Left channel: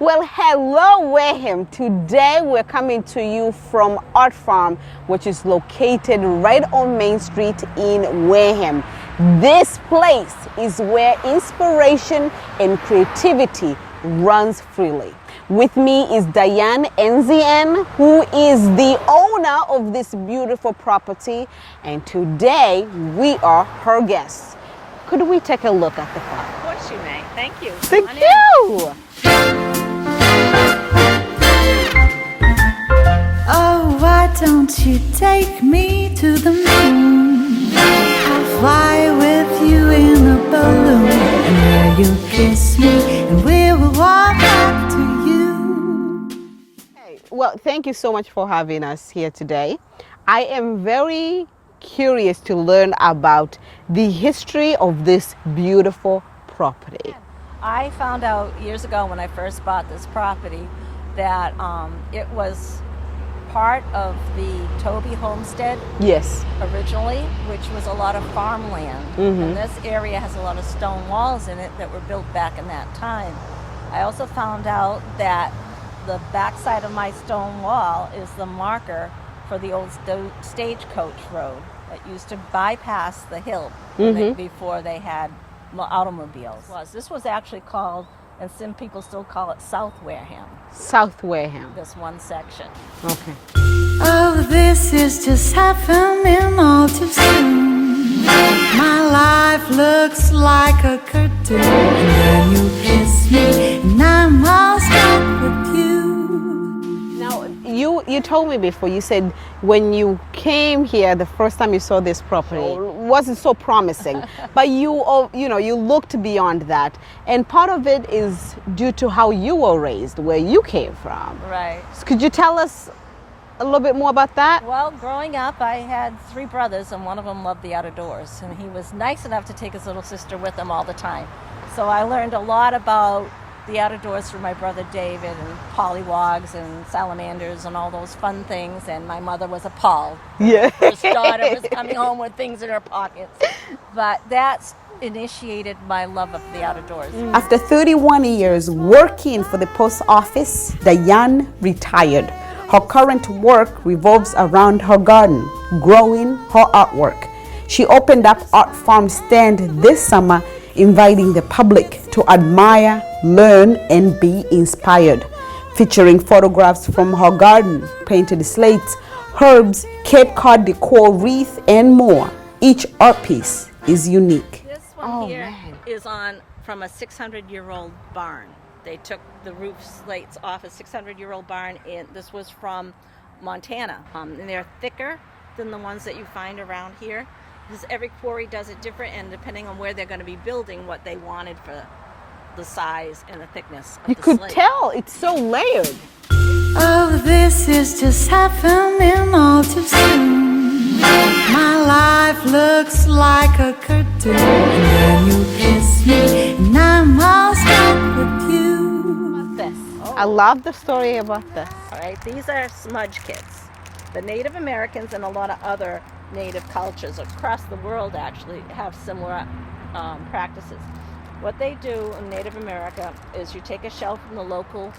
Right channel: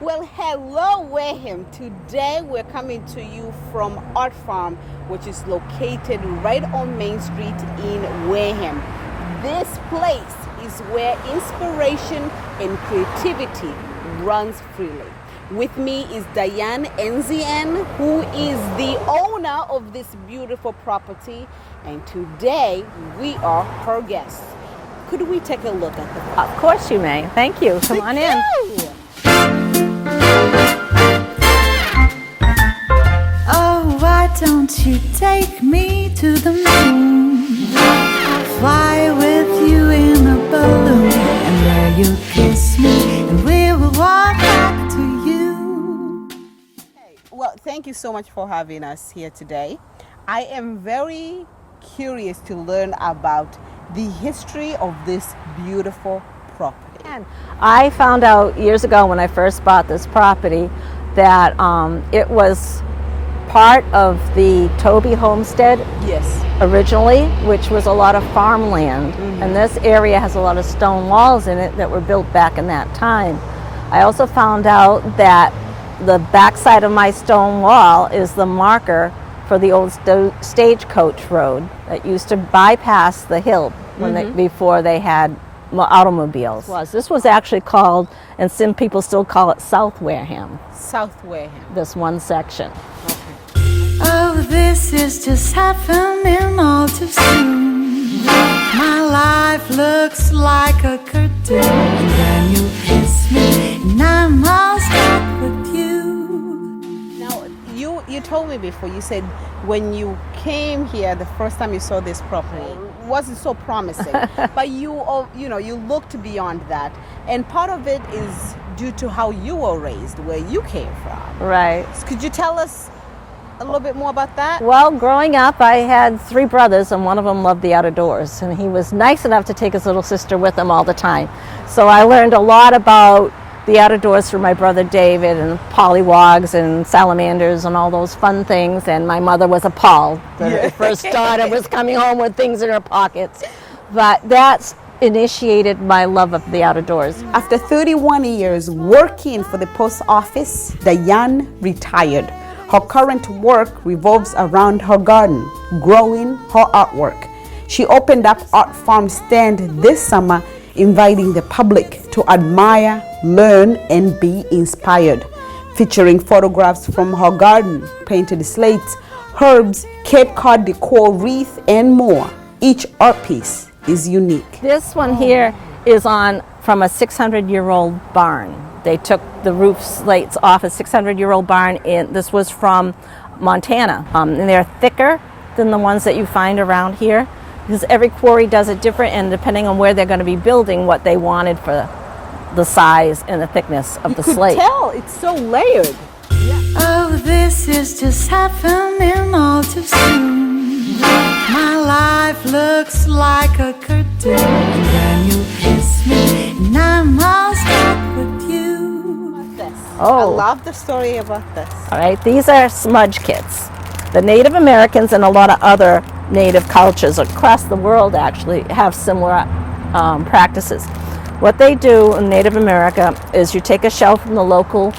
Well, hello, Wareham. Today we're coming to you from Art Farm, which is located right on Main Street in Wareham. This place is where inspiration and creativity runs freely. With me is Diane Nzn, who is the owner of this beautiful property, and today we are her guests. Could we take a look at the property? Of course you may. Thank you. Come on in. Thank you. Oh, why don't you take me to the moon? I'll fly with you in a balloon, and there you'll kiss me, and we will walk back to you. Hey, well, thank you so much for having us here today. I am very curious to learn about the history of this beautiful property. I found out years ago when I first bought this property that it was part of the Toby homestead. Yes. Originally, which was a lot of farmland. And this area has a lot of stone walls in it that were built back in that time. I also found out that the backside of my stone wall is the marker for the old stagecoach road that used to bypass the hill before they had automobiles. This was actually called, and some people still call it South Wareham. South Wareham. This one section. Okay. Oh, this is just happening all too soon. My life looks like a cartoon, and then you kiss me, and I'm all stuck with you. Now, you told me before, you said when you came here the first time you saw this property, it wasn't so promising, but you looked beyond that, and part of it is due to how you were raised, where you came from. Right. Could you tell us a little bit more about that? Well, growing up, I had 3 brothers, and one of them loved the outdoors, and he was nice enough to take his little sister with him all the time. So I learned a lot about the outdoors from my brother David, and pollywogs and salamanders and all those fun things, and my mother was appalled. The first daughter was coming home with things in her pockets. But that's initiated my love of the outdoors. After 31 years working for the post office, Diane retired. Her current work revolves around her garden, growing her artwork. She opened up Art Farm stand this summer, inviting the public to admire, learn, and be inspired. Featuring photographs from her garden, painted slates, herbs, Cape Cod decor wreath, and more. Each art piece is unique. This one here is from a 600-year-old barn. They took the roof slates off a 600-year-old barn, and this was from Montana. And they're thicker than the ones that you find around here, because every quarry does it different, and depending on where they're going to be building, what they wanted for the size and the thickness of the slate. You could tell, it's so layered. Oh, this is just happening all too soon. My life looks like a cartoon, and then you kiss me, and I'm all stuck with you. I love the story about this. All right, these are smudge kits. The Native Americans and a lot of other native cultures across the world actually have similar practices. What they do in Native America is you take a shell from the local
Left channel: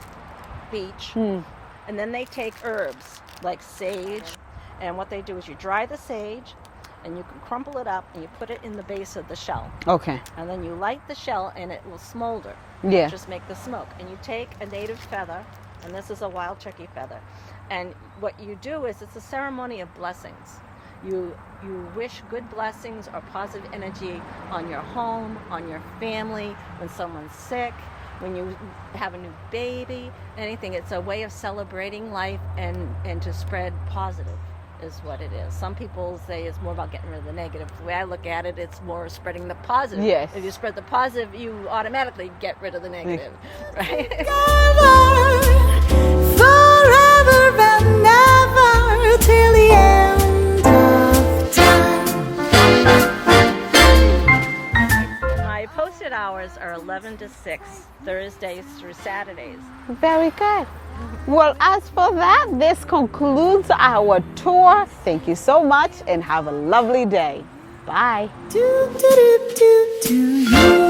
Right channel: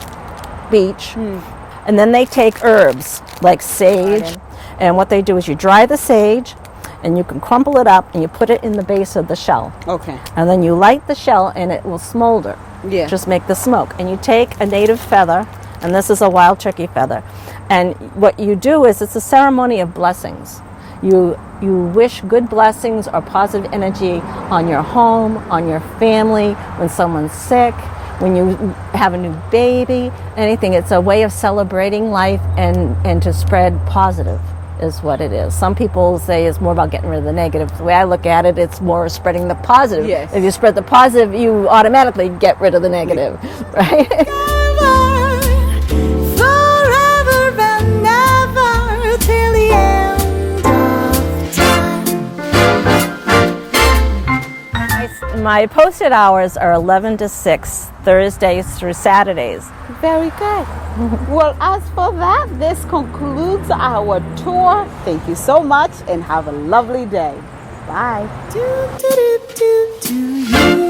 beach, and then they take herbs like sage, and what they do is you dry the sage, and you can crumple it up and you put it in the base of the shell. Okay. And then you light the shell and it will smolder. Yeah. Just make the smoke. And you take a native feather, and this is a wild turkey feather, and what you do is it's a ceremony of blessings. You wish good blessings or positive energy on your home, on your family, when someone's sick, when you have a new baby, anything. It's a way of celebrating life and to spread positive is what it is. Some people say it's more about getting rid of the negative. The way I look at it, it's more spreading the positive. Yes. If you spread the positive, you automatically get rid of the negative, right? Forever and ever till the end of time. My posted hours are 11 to 6, Thursdays through Saturdays. Very good. Well, as for that, this concludes our tour. Thank you so much and have a lovely day. Bye. Do, do, do, do, do you